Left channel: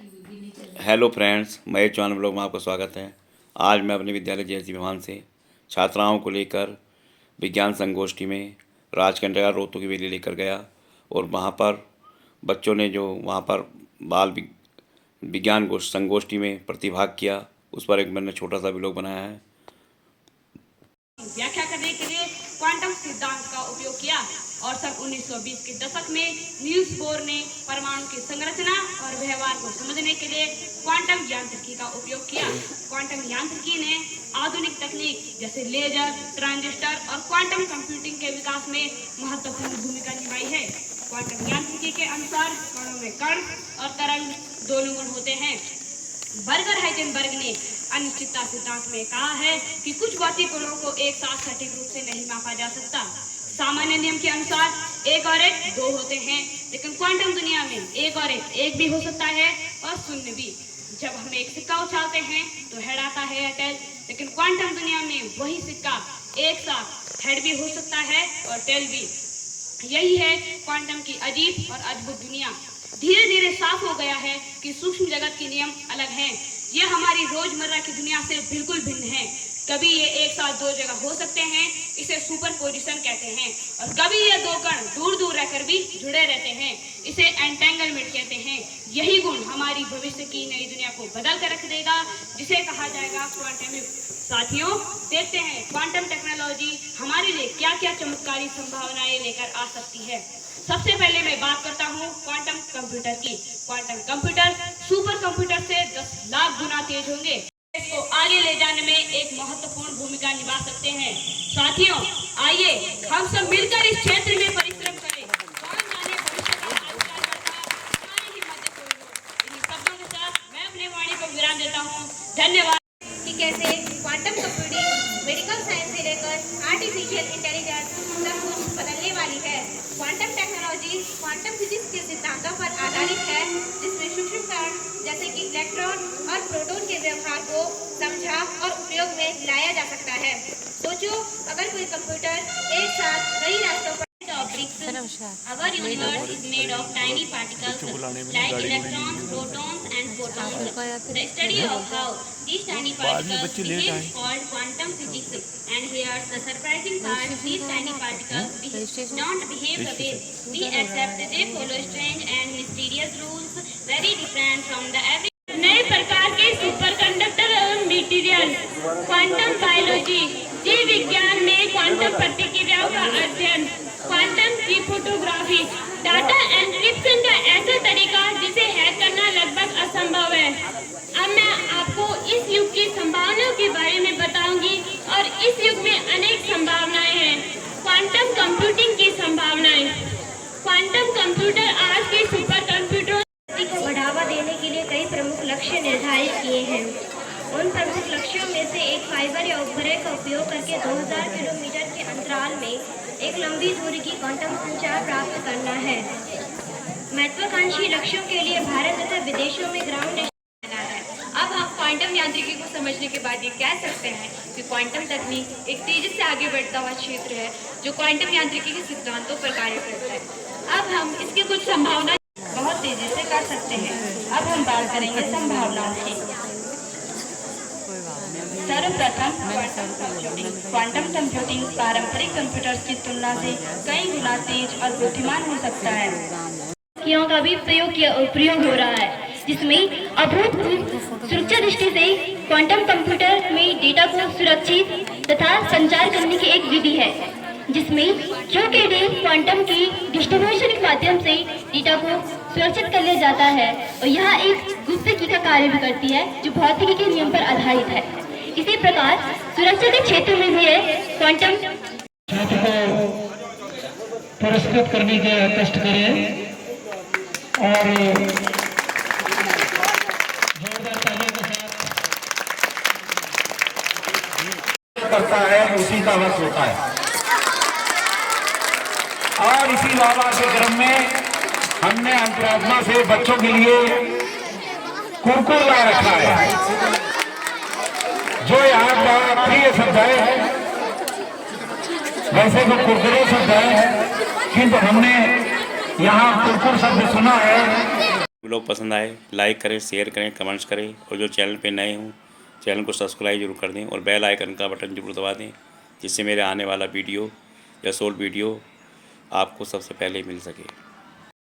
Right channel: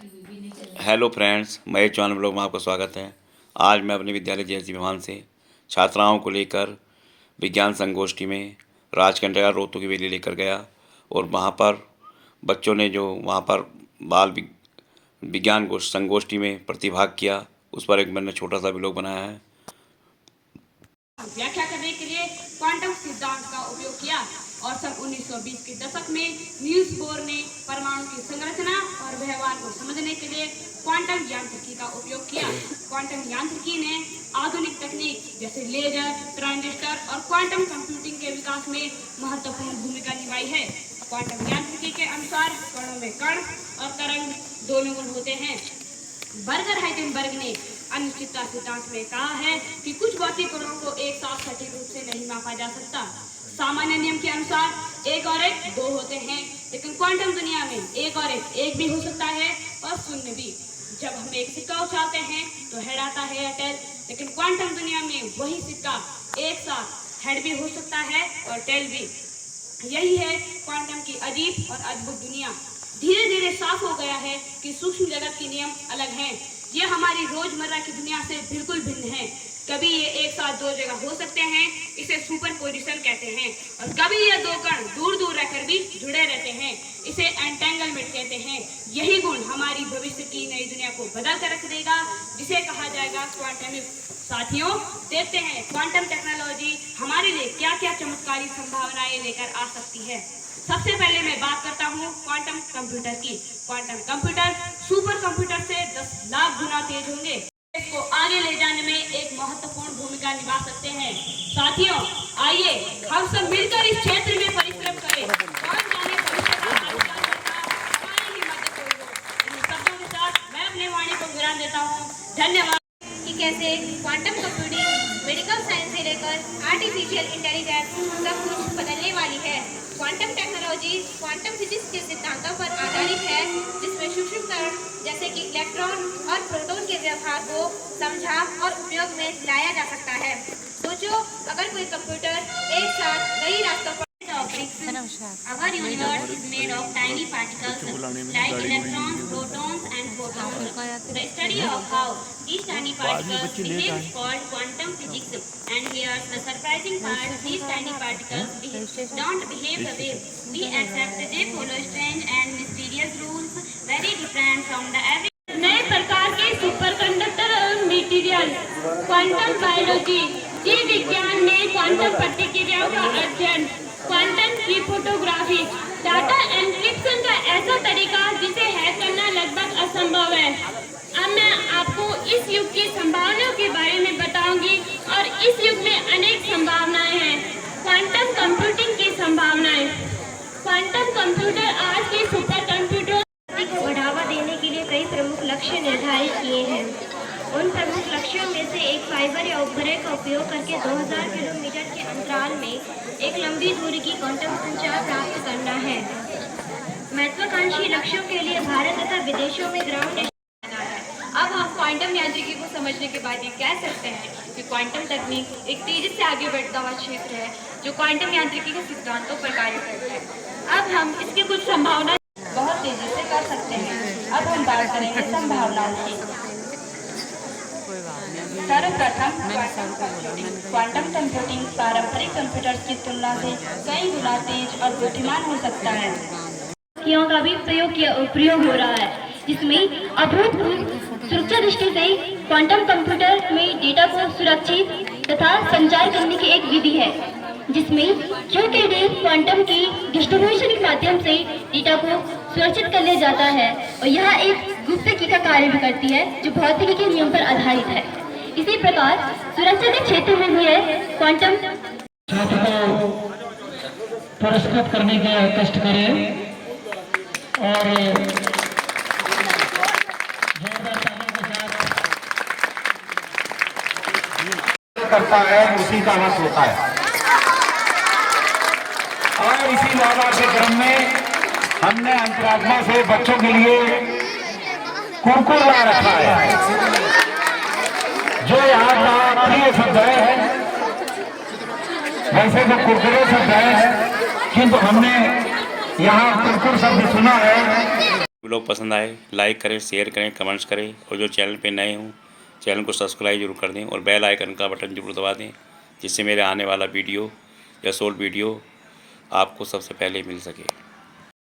Hello friends, Mahesh Chauhan blog में आपका स्वागत है। आज मैं अपने विद्यालय जेएससी विमान से छात्राओं को लेकर विज्ञान संगोष्ठी में राजकंडा रोहतू की वैली लेकर गया और वहाँ पर बच्चों ने जो वहाँ पर विज्ञान संगोष्ठी में प्रतिभाग किया, उस पर एक मैंने छोटा सा ब्लॉग बनाया है। व्याख्या करने के लिए क्वांटम सिद्धांत का उपयोग किया और सन 1920 के दशक में नील्स बोर ने परमाणु की संरचना और व्यवहार को समझने के लिए क्वांटम यांत्रिकी का उपयोग किया। क्वांटम यांत्रिकी ने आधुनिक तकनीक जैसे लेजर, ट्रांजिस्टर और क्वांटम कंप्यूटिंग के विकास में महत्वपूर्ण भूमिका निभाई है। क्वांटम यांत्रिकी के अनुसार कणों में कण और तरंग दोनों गुण होते हैं। बर्गर हाइजेनबर्ग ने अनिश्चितता सिद्धांत में कहा है कि कुछ भौतिक गुणों को एक साथ सटीक रूप से नहीं मापा जा सकता। सामान्य नियम के अनुसार एक और एक दो होते हैं, लेकिन क्वांटम दुनिया में एक और एक भी हो सकता है और शून्य भी। जब हम एक सिक्का उछालते हैं तो हेड आता है या टेल, लेकिन क्वांटम दुनिया में वही सिक्का एक साथ हेड भी हो सकता है और टेल भी। यही है क्वांटम की अजीब और अद्भुत दुनिया। धीरे धीरे साफ हो गया है कि सूक्ष्म जगत के नियम अलग हैं। ये हमारी रोजमर्रा की दुनिया से बिल्कुल भिन्न है। कभी ये एक साथ दो जगह हो सकते हैं, इसे सुपरपोजिशन कहते हैं, और कभी ये दो कण दूर दूर रहकर भी जुड़े रहते हैं, इसे एंटेंगलमेंट कहते हैं। यही गुण हमारी भविष्य की नई दुनिया को बदल कर रख देगा, जिसे कहा जाएगा क्वांटम युग। साथियों, देखते हैं क्वांटम टेक्नोलॉजी हमारे लिए क्या क्या चमत्कारी संभावनाएं लेकर आ सकती है। सबसे पहले मैं बात करता हूँ क्वांटम कंप्यूटर की। क्वांटम कंप्यूटर सुपर कंप्यूटर से 10 लाख गुना तेज होंगे। इसको आगे ले जाने में एक महत्वपूर्ण भूमिका निभा सकते हैं। साथियों, आइए हम सब मिलकर इस क्षेत्र में परिश्रम करें। कौन जाने भविष्य का आविष्कार करता हमारी ही मदद होगी। इन शब्दों के साथ मैं अपने वाणी को विराम देता हूँ। धन्यवाद। कि कैसे क्वांटम कंप्यूटिंग मेडिकल साइंस से लेकर आर्टिफिशियल इंटेलिजेंस सब कुछ बदलने वाली है। क्वांटम टेक्नोलॉजी क्वांटम फिजिक्स के सिद्धांतों पर आधारित है, जिसमें सूक्ष्म कण जैसे कि इलेक्ट्रॉन और प्रोटॉन के व्यवहार को समझा और उपयोग में लाया जा सकता है। सोचो, अगर कोई कंप्यूटर एक साथ कई रास्तों पर Our universe is made of tiny particles like electrons, protons and photons. The study of how these tiny particles behave is called quantum physics. And here's the surprising part: these tiny particles don't behave the way we accept. They follow strange and mysterious rules, very different from the average. नए प्रकार के superconductor material, quantum biology, जीव विज्ञान में quantum प्रतिक्रियाओं का अध्ययन, quantum cryptography, data encryption का ऐसा तरीका जिसे हैक करना लगभग असंभव है। अब मैं आपको इस युग की संभावनाओं के बारे में बताऊंगी, और इस युग में अनेक संभावनाएं हैं। क्वांटम कंप्यूटिंग की संभावनाएं। क्वांटम कंप्यूटर आज के सुपर कंप्यूटर को बढ़ावा देने के लिए कई प्रमुख लक्ष्य निर्धारित किए हैं। उन प्रमुख लक्ष्यों में से एक फाइबर या उपग्रह का उपयोग करके 2000 किलोमीटर के अंतराल में एक लंबी दूरी की क्वांटम संचार प्राप्त करना है। महत्वाकांक्षी लक्ष्यों के लिए भारत तथा विदेशों में ग्राउंड स्टेशन है। अब हम क्वांटम यांत्रिकी को समझने के बाद ये कह सकते हैं कि क्वांटम तकनीक एक तेजी से आगे बढ़ता हुआ क्षेत्र है, जो क्वांटम यांत्रिकी के सिद्धांतों पर कार्य करता है। अब हम इसकी कुछ संभावना बहुत तेजी से कर सकते हैं। अब हम बात करेंगे संभावनाओं की। सर्वप्रथम क्वांटम कंप्यूटिंग पारंपरिक कंप्यूटर्स की तुलना से कई गुना तेज और बुद्धिमान हो सकता है। का भी प्रयोग हो रहा है, जिसमें अभूतपूर्व सुरक्षा दृष्टि से क्वांटम कंप्यूटर में डेटा को सुरक्षित तथा संचार करने की एक विधि है, जिसमें छोटे वेव क्वांटम की डिस्ट्रीब्यूशन के माध्यम से डेटा को सुरक्षित कर लिया जाता है, और यह एक गुप्तकी का कार्य भी करती है, जो भौतिकी के नियम पर आधारित है। इसी प्रकार सुरक्षा के क्षेत्र में भी है क्वांटम। छात्र को पुरस्कृत करने के कष्ट करें और जोरदार तालियों के साथ करता है, उसी का वश होता है। और इसी भावना के क्रम में हमने अंतरात्मा से बच्चों के लिए कुरकुर ला रखा है, जो यहाँ का प्रिय शब्द है। वैसे तो कुरकुरे शब्द है, किंतु हमने यहाँ कुरकुर शब्द सुना है। लोग पसंद आए लाइक करें, शेयर करें, कमेंट्स करें और जो चैनल पे नए हों चैनल को सब्सक्राइब जरूर कर दें और बेल आइकन का बटन जरूर दबा दें, जिससे मेरे आने वाला वीडियो या शॉर्ट वीडियो आपको सबसे पहले मिल सके।